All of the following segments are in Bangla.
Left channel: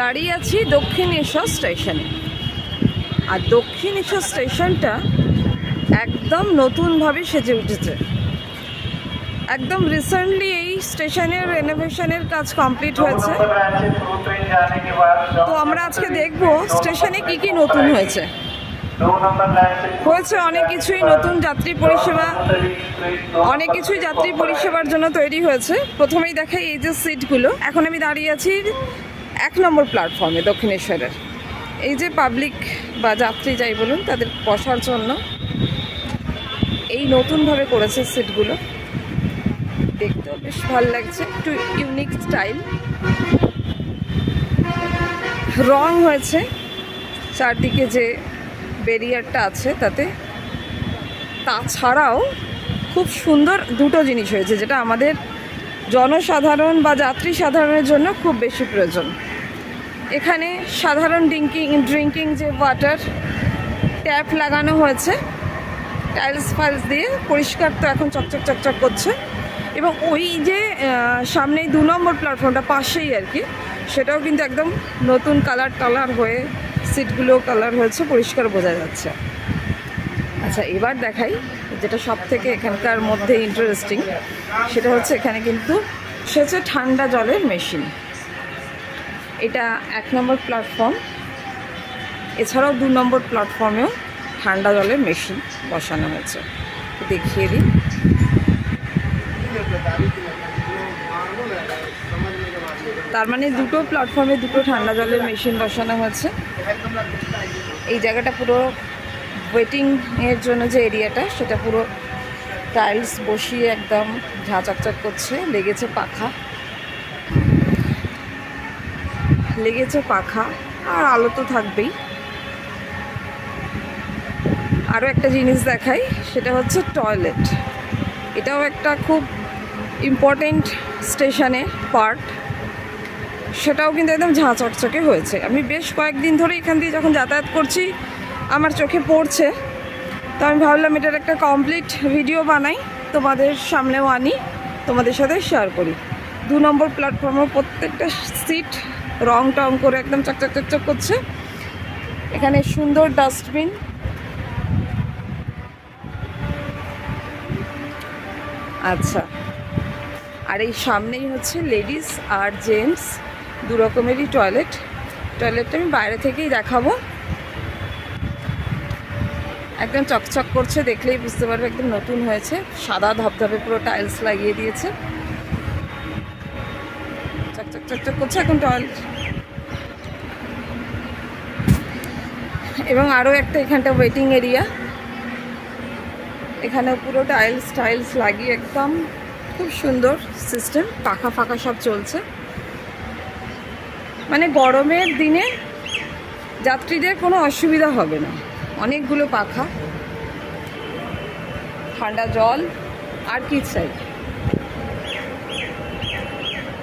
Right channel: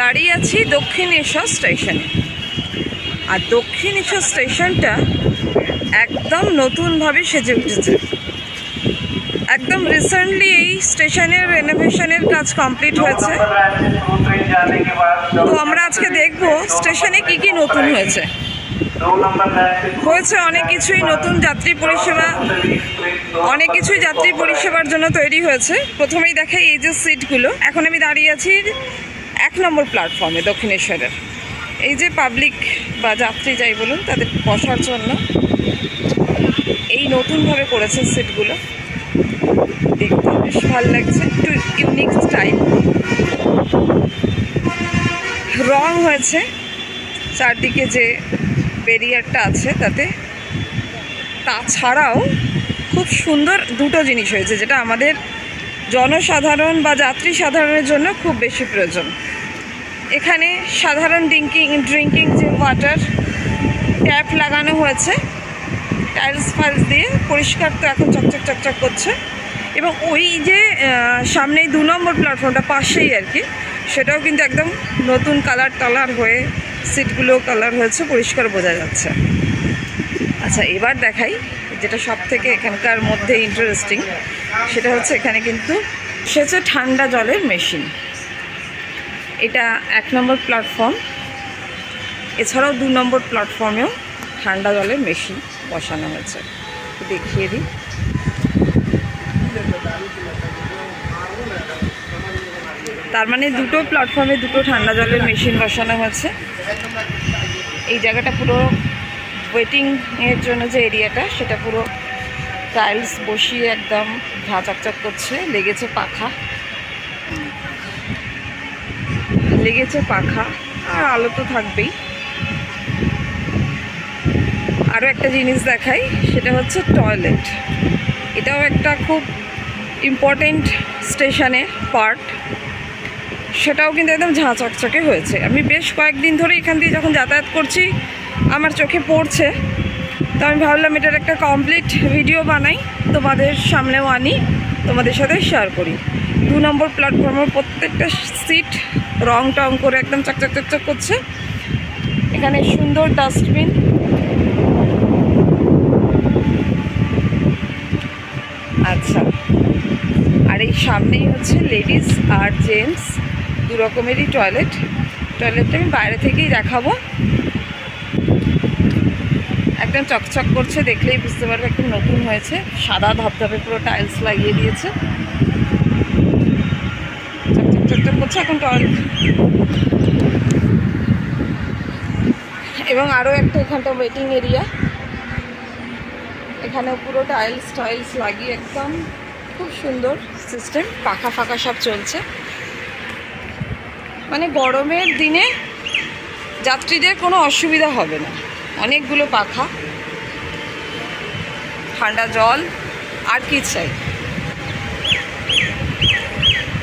দাঁড়িয়ে আছি দক্ষিণেশ্বর স্টেশনে। আর দক্ষিণেশ্বর স্টেশনটা একদম নতুনভাবে সেজে উঠেছে। একদম রিসেন্টলি এই স্টেশনের রেনোভেশনের কাজ কমপ্লিট হয়েছে। তো আমরা আজকে দেখব স্টেশনে কি কি নতুন হয়েছে। অনেক কিছুই নতুন, যাত্রী পরিষেবা অনেক কিছুই যাত্রী পরিষেবার জন্য তৈরি হয়েছে। প্রথমেই দেখাই এই যে সিটগুলো। এখন আমি দাঁড়িয়ে আছি 1 নম্বর প্ল্যাটফর্মে দক্ষিণেশ্বরের। এই যে পাবলিক বা যাত্রী যাই বলুন তাদের বসার জন্য এই নতুনভাবে করেছে সিটগুলো। দেখতে বেশ ভালো লাগছে, একটু ইউনিক স্টাইল। রং হয়েছে চারদিকে যে ব্যারিয়ারটা আছে তাতে। তাছাড়াও খুব সুন্দর দুটো জিনিস হয়েছে যেটা আমাদের জনসাধারণ বা যাত্রী সাধারণের জন্য খুব বেশি প্রয়োজন। এখানে সাধারণ ড্রিঙ্কিং যে ওয়াটার ট্যাপ লাগানো হয়েছে টাইলস ফাইলস দিয়ে, পরিষ্কার তো এখন চকচক চকচক করছে। এবং ওই যে সামনেই 2 নম্বর প্ল্যাটফর্মটা পাশেই আর কি, সেটাও কিন্তু একদম নতুন কালার হয়ে সিটগুলো কালার হয়েছে, পরিষ্কার বোঝা যাচ্ছে। আচ্ছা, এবার দেখাই যেটা সব থেকে এখানকার মধ্যে ইন্টারেস্টিং, সেটা হচ্ছে এখানে কিন্তু সেচে ঠান্ডা জলের মেশিন। এটা 1 নম্বর প্ল্যাটফর্ম, এছাড়াও 2 নম্বর প্ল্যাটফর্মেও ঠান্ডা জলের মেশিন বসানো হয়েছে। দেখিয়ে দিই। তার মানে দুটো প্ল্যাটফর্মে দুটো ঠান্ডা জলের মেশিন বসানো হয়েছে। এই জায়গাটা পুরো ওয়েটিংয়ের জন্য যে এরিয়াটা, সেটা পুরো টাইলস বসিয়ে একদম ঝাঁ চকচক করছে। লেগেছে পাখা আর আলো তো থাকবেই। আরও একটা জিনিস দেখাই, সেটা হচ্ছে টয়লেট। এটাও একটা খুব ইম্পর্টেন্ট স্টেশনের পার্ট। সেটাও কিন্তু একদম ঝাঁ চকচকে হয়েছে। আমি বেশ কয়েকদিন ধরে এখান দিয়ে যখন যাতায়াত করছি আমার চোখে পড়ছে, তো আমি ভাবলাম এটার একটা কমপ্লিট ভিডিও বানাই, তোমাদের সামনেও আনি, তোমাদের সাথে শেয়ার করি। 2 নম্বর প্ল্যাটফর্মের প্রত্যেকটা সিট রং টং করে একদম চকচক চকচক করছে। এখানে সুন্দর ডাস্টবিন। আচ্ছা, আর এই সামনেই হচ্ছে লেডিস আর জেন্টস 2 রকমেরই টয়লেটটা আমি বাইরে থেকেই দেখাবো। একদম চকচক করছে, দেখলেই বুঝতে পারবে একদম নতুন হয়েছে। সাদা ধপধপে পুরো টাইলস লাগিয়ে দিয়েছে, চকচক চকচক করছে এখন টয়লেট। এবং আরও একটা এখানটা ওয়েটিং এরিয়া, এখানেও পুরো টাইলস লাগিয়ে একদম খুব সুন্দর সিস্টেম। পাখা ফাঁকা সব চলছে। মানে গরমের দিনে যাত্রীদের কোনো অসুবিধা হবে না। অনেকগুলো পাখা, ঠান্ডা জল, আর কি চাই।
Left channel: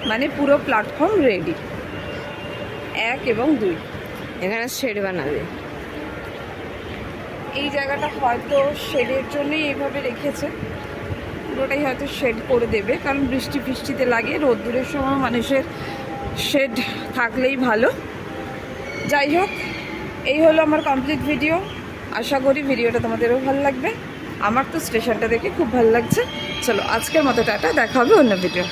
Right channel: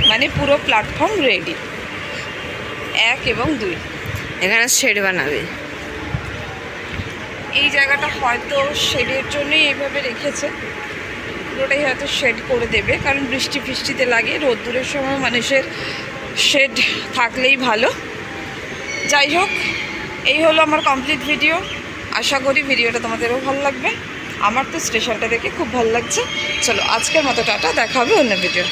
মানে পুরো প্ল্যাটফর্ম রেডি। 1 এবং 2 এখানে শেড বানাবে। এই জায়গাটা হয়তো শেডের জন্যই এইভাবে রেখেছে। পুরোটাই হয়তো শেড করে দেবে, কারণ বৃষ্টি ফিষ্টিতে লাগে, রোদ্দুরের সময় মানুষের শেড থাকলেই ভালো। যাই হোক, এই হলো আমার কমপ্লিট ভিডিও। আশা করি ভিডিওটা তোমাদেরও ভালো লাগবে। আমার তো স্টেশনটা দেখে খুব ভালো লাগছে। চলো, আজকের মতো টাটা, দেখা হবে অন্য ভিডিও।